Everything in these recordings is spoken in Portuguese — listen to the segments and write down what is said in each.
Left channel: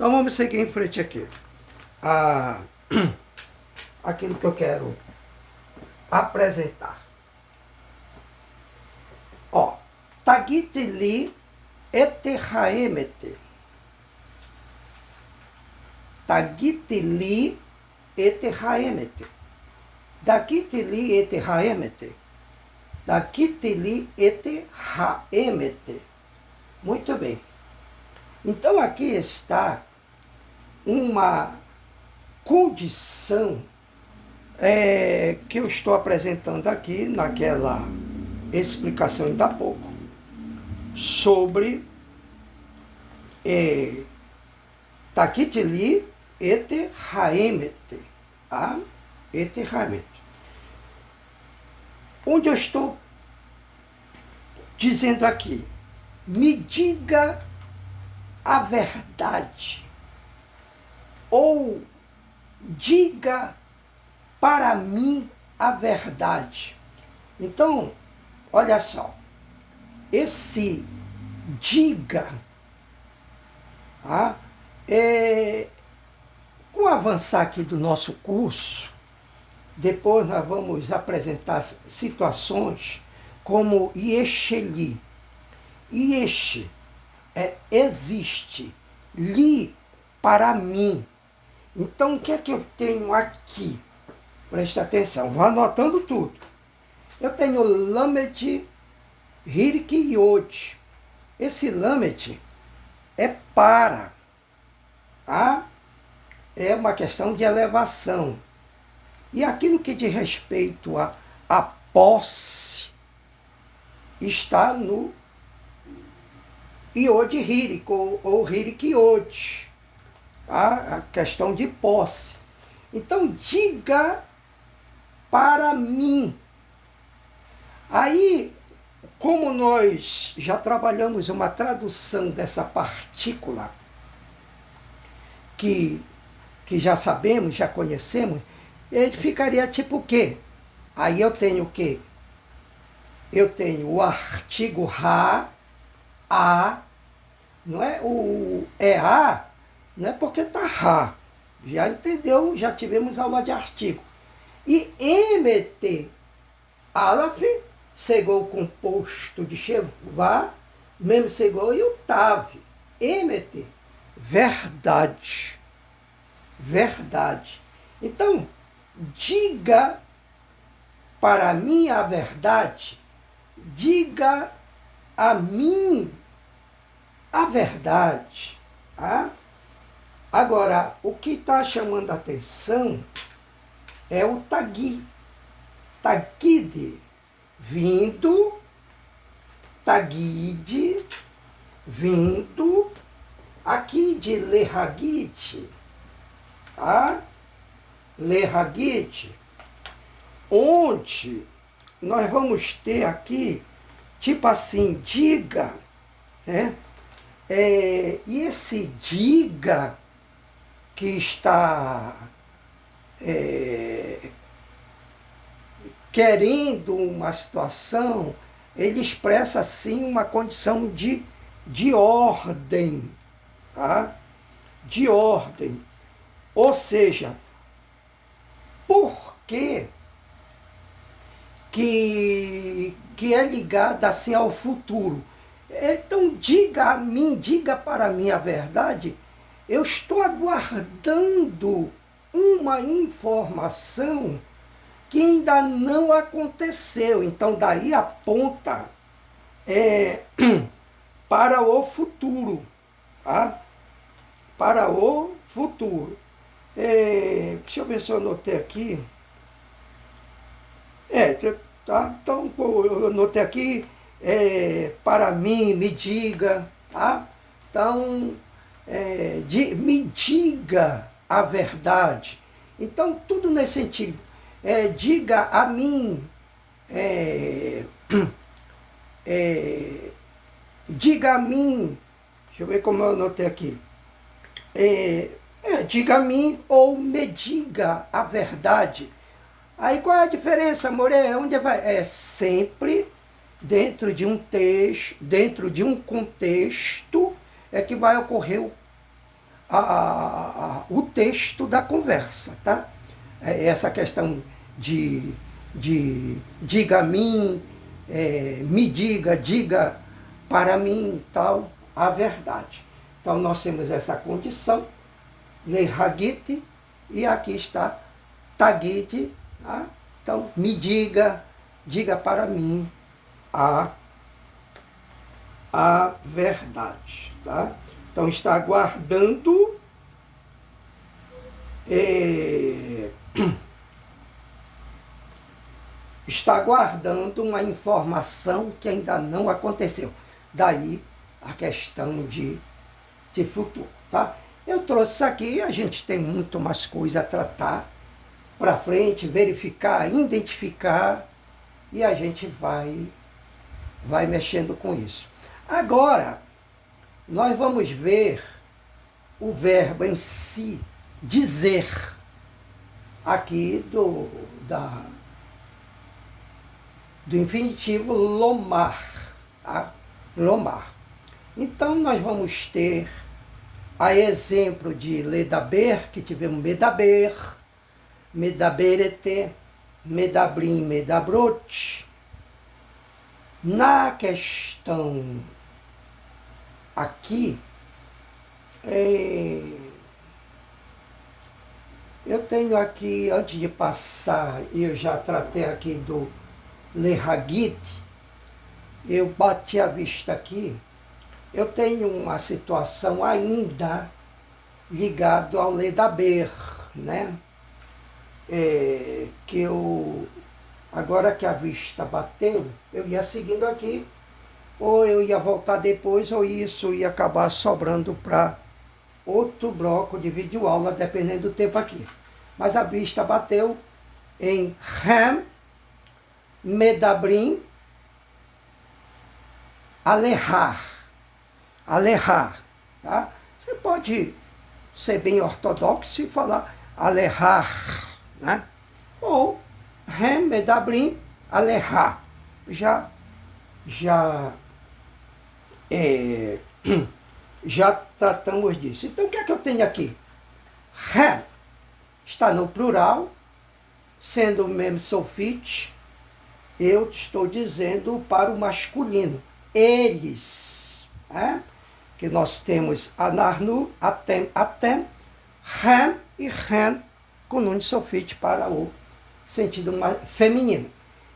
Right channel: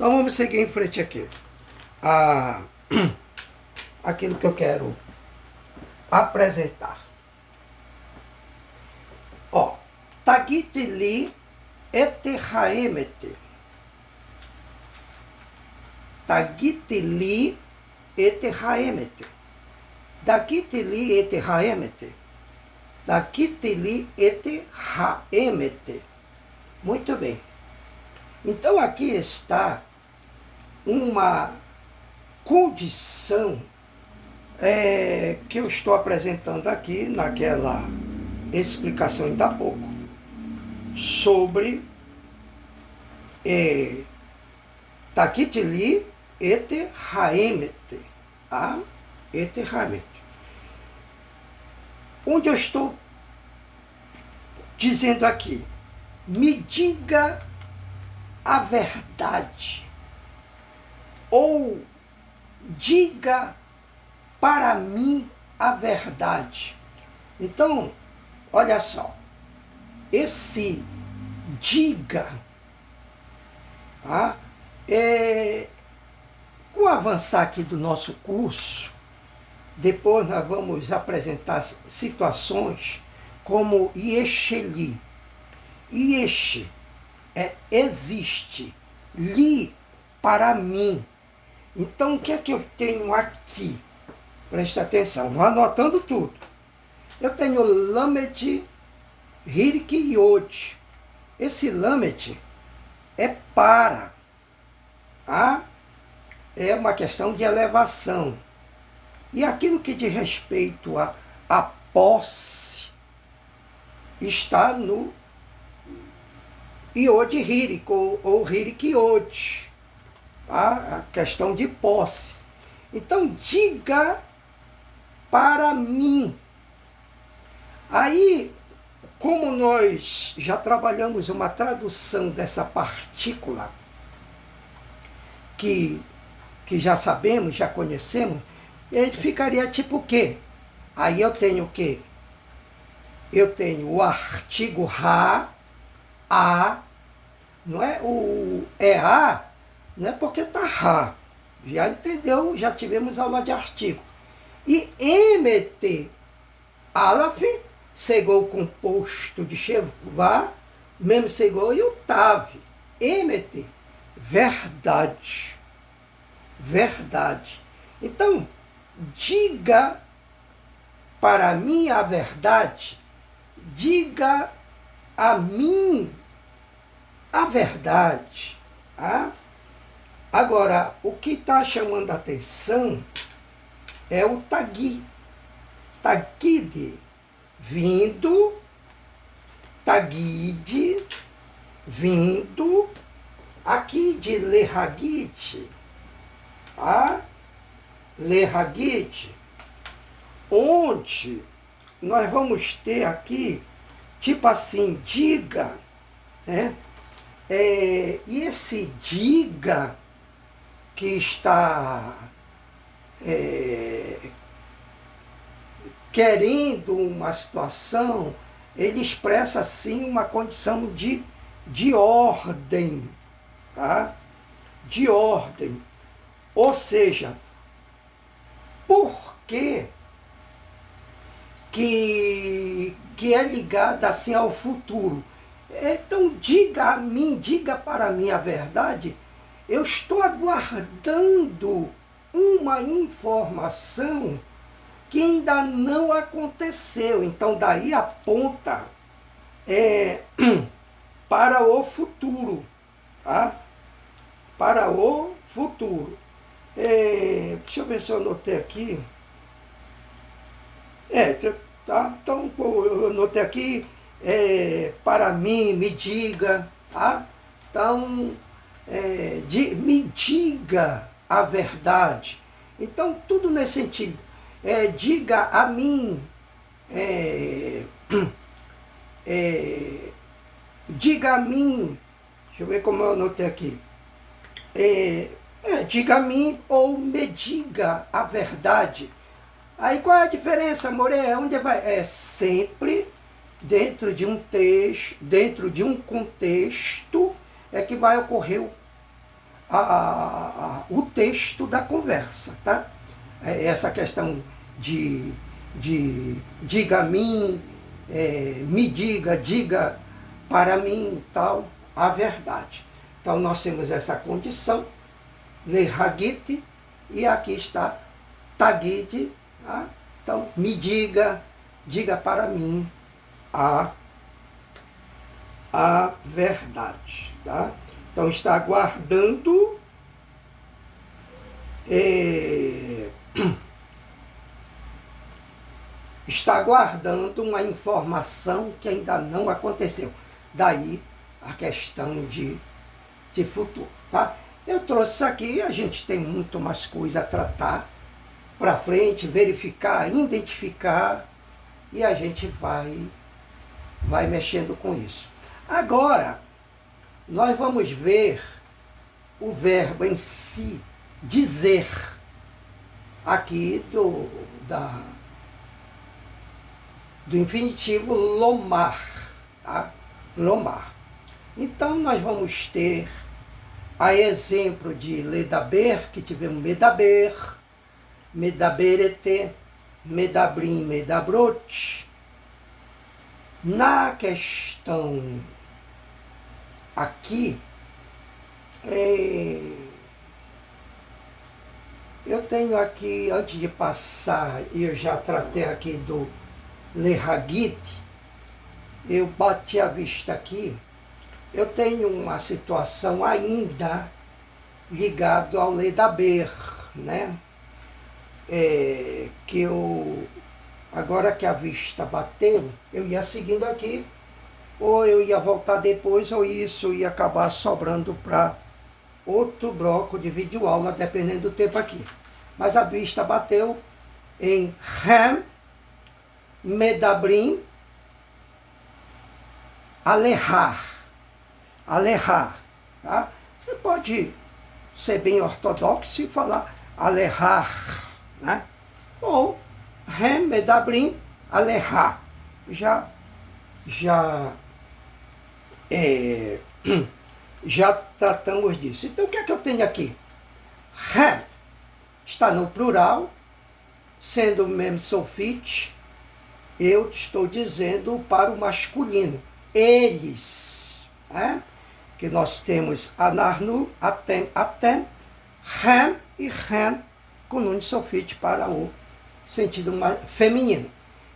Então vamos seguir em frente aqui. A, aquilo que eu quero apresentar. Ó, Tagite li ete haemete. Tagite li ete haemete. Dagite li ete haemete. Dagite li ete haemete. Muito bem. Então aqui está uma condição que eu estou apresentando aqui naquela explicação ainda há pouco sobre Tagite li ete haemete. Ete haemete. Onde eu estou dizendo aqui, me diga a verdade, ou diga para mim a verdade. Então, olha só, esse diga, com o avançar aqui do nosso curso, depois nós vamos apresentar situações como Iesheli. Iesh existe, li para mim. Então o que é que eu tenho aqui? Presta atenção, vá anotando tudo. Eu tenho Lamed, Hirik e Yod. Esse Lamed é para. É uma questão de elevação. E aquilo que diz respeito à posse está no Yod Hirik, ou Hirik Yod. A questão de posse. Então, diga para mim. Aí, como nós já trabalhamos uma tradução dessa partícula, que já sabemos, já conhecemos, ele ficaria tipo o quê? Aí eu tenho o quê? Eu tenho o artigo ra, a, não é? O a, não é porque está ra. Já entendeu? Já tivemos aula de artigo. E emet, alaf, segou o composto de chevá, mem segou e o tav. Emet, verdade. Verdade. Então, diga para mim a verdade, diga a mim a verdade. Agora, o que está chamando a atenção é o tagui. Tagide, vindo, tagide, vindo, aqui de lehagite, lehagite, onde nós vamos ter aqui, tipo assim, diga, né? E esse diga que está querendo uma situação, ele expressa assim uma condição de ordem, de ordem. Ou seja, por que é ligada assim ao futuro? Então diga a mim, diga para mim a verdade. Eu estou aguardando uma informação que ainda não aconteceu. Então daí aponta para o futuro. Para o futuro. Deixa eu ver se eu anotei aqui. Então eu anotei aqui, para mim, me diga, Então, me diga a verdade. Então, tudo nesse sentido. Diga a mim, diga a mim, deixa eu ver como eu anotei aqui. Diga a mim ou me diga a verdade. Aí qual é a diferença, Moré? Onde vai? É sempre dentro de um texto, dentro de um contexto, é que vai ocorrer o texto da conversa, tá? Essa questão de diga a mim, me diga, diga para mim e tal, a verdade. Então nós temos essa condição, lehagite, e aqui está tagite, tá? Então me diga, diga para mim a verdade, tá? Então está aguardando está aguardando uma informação que ainda não aconteceu. Daí a questão de futuro, tá? Eu trouxe isso aqui, a gente tem muito mais coisa a tratar para frente, verificar, identificar, e a gente vai mexendo com isso. Agora, nós vamos ver o verbo em si, dizer, aqui do infinitivo lomar, tá? Lomar. Então, nós vamos ter, a exemplo de ledaber, que tivemos medaber, medaberete, medabrim, medabrot. Na questão aqui, eu tenho aqui, antes de passar, eu já tratei aqui do lehagite, eu bati a vista aqui, eu tenho uma situação ainda ligada ao ledaber, né? Que eu, agora que a vista bateu, eu ia seguindo aqui, ou eu ia voltar depois, ou isso ia acabar sobrando para outro bloco de videoaula, dependendo do tempo aqui. Mas a vista bateu em Ham, Medabrim, Alejar. Alejar. Tá? Você pode ser bem ortodoxo e falar Alejar, né? Ou Ham, Medabrim, Alejar. Já tratamos disso. Então, o que é que eu tenho aqui? Ham está no plural, sendo o mesmo sulfite, eu estou dizendo para o masculino. Eles, né? Que nós temos anarnu, atem, ham e ren, com nun sulfite para o sentido feminino.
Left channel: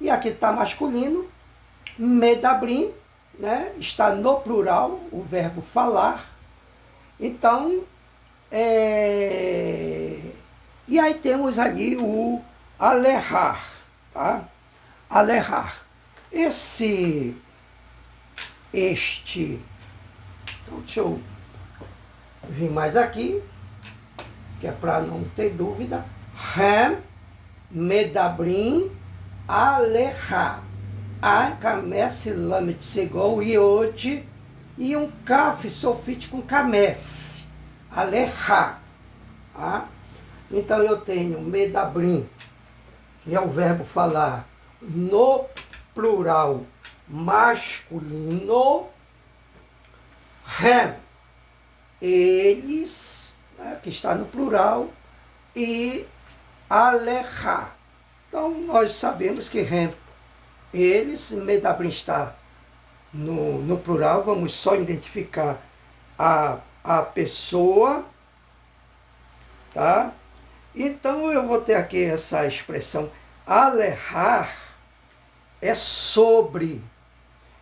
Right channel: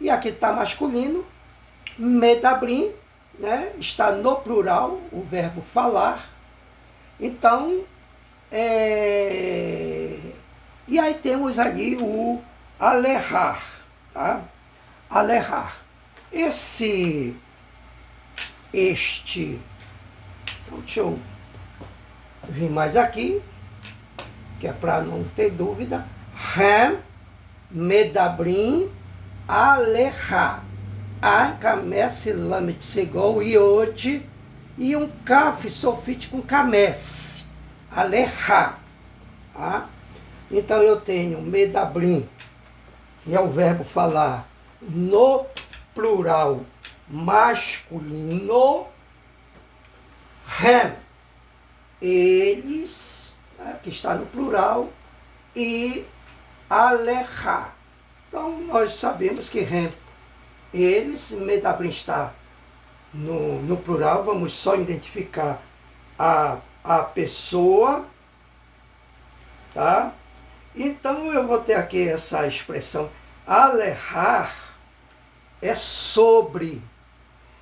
E aqui está masculino, medabrim, né? Está no plural, o verbo falar. Então, e aí temos ali o alejar, tá? Alejar. Então, deixa eu vir mais aqui, que é para não ter dúvida. Ham, medabrim, alejar. Camesse, lamet, segol, iode, e um caf sulfite com camesse. Alejar. Tá? Então eu tenho medabrim, que é o verbo falar no plural masculino, Ham, eles, né, que está no plural, e alejar. Então nós sabemos que Ham, eles, medabrim está no plural, vamos só identificar a pessoa, tá? Então eu vou ter aqui essa expressão, alejar é sobre.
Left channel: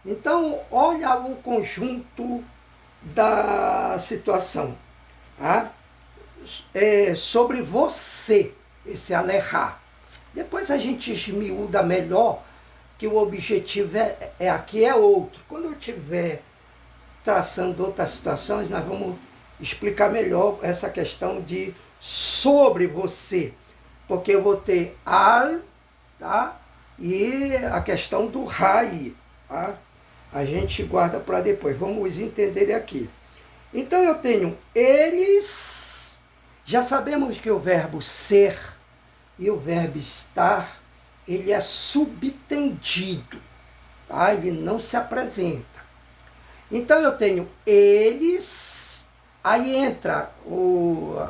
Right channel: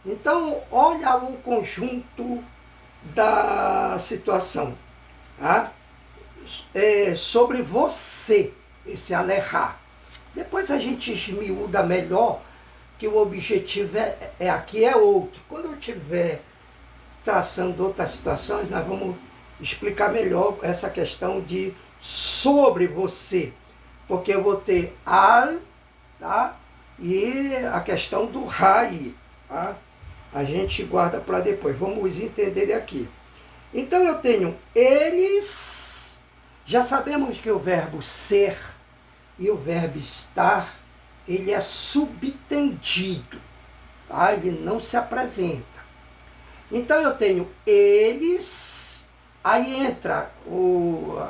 Então, olha o conjunto da situação. Tá? Sobre você, esse alejar. Depois a gente esmiúda melhor, que o objetivo aqui é outro. Quando eu estiver traçando outras situações, nós vamos explicar melhor essa questão de sobre você. Porque eu vou ter al, tá? E a questão do rai, tá? A gente guarda para depois. Vamos entender aqui. Então eu tenho eles, já sabemos que o verbo ser e o verbo estar, ele é subtendido, tá? Ele não se apresenta. Então eu tenho eles, Aí entra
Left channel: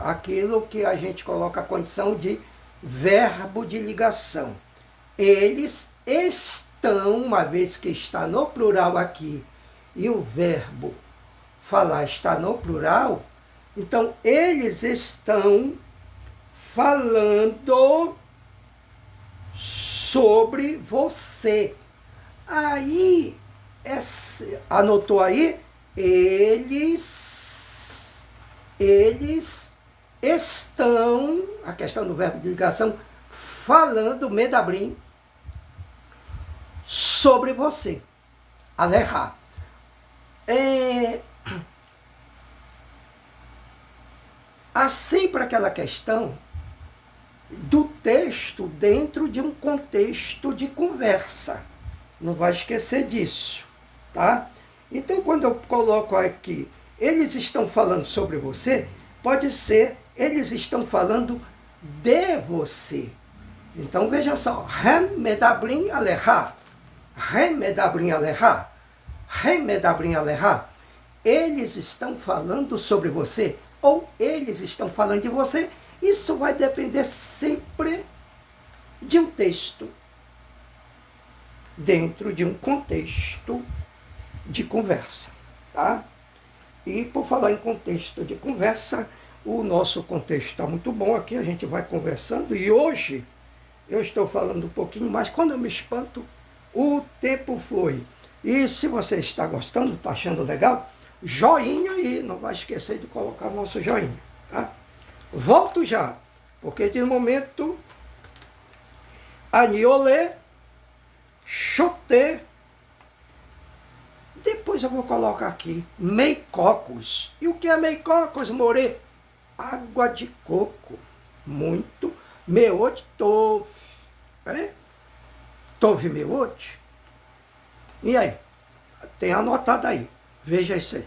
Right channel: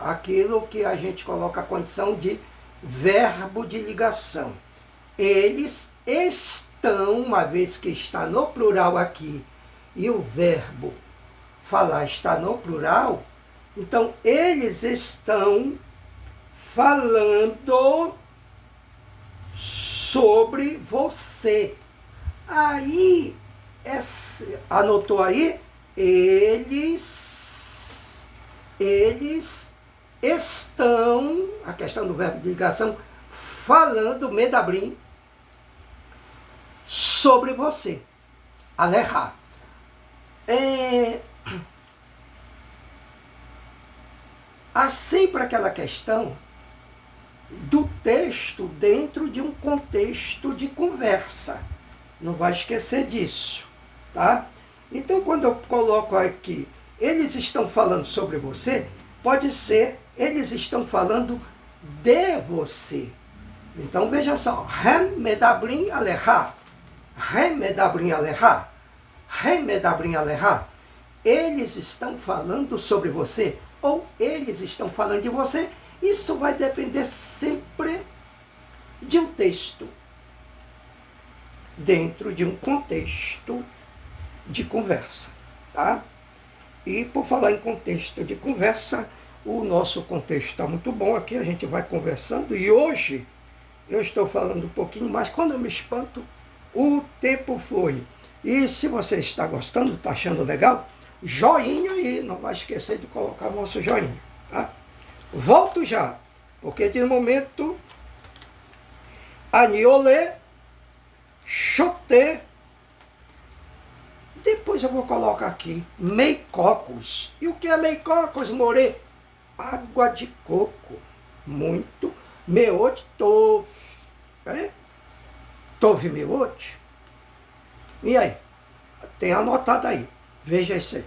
aquilo que a gente coloca a condição de verbo de ligação. Eles estão, uma vez que está no plural aqui, e o verbo falar está no plural, então eles estão falando sobre você. Aí, anotou aí? Eles estão, a questão do verbo de ligação, falando, medabrim, sobre você. Aleha. Há sempre aquela questão do texto dentro de um contexto de conversa. Não vai esquecer disso, tá? Então, quando eu coloco aqui, eles estão falando sobre você, pode ser, eles estão falando de você. Então, veja só, Hem medabrim aleha, Hem medabrim aleha, Hem medabrim aleha. Eles estão falando sobre você, ou eles estão falando de você. Isso vai depender sempre de um texto, dentro de um contexto de conversa, tá? E por falar em contexto de conversa, o nosso contexto está muito bom aqui, a gente vai conversando, e hoje eu estou falando um pouquinho mais, quando eu me espanto, o tempo flui. E se você está gostando, está achando legal, joinha aí, não vai esquecer de colocar o nosso joinha, tá? Volto já, porque de momento, aniolê, choté, depois eu vou colocar aqui, meicocos. E o que é meicocos, more? Água de coco, muito, meote tove, né? Tove meote. E aí? Tem anotado aí, veja isso aí.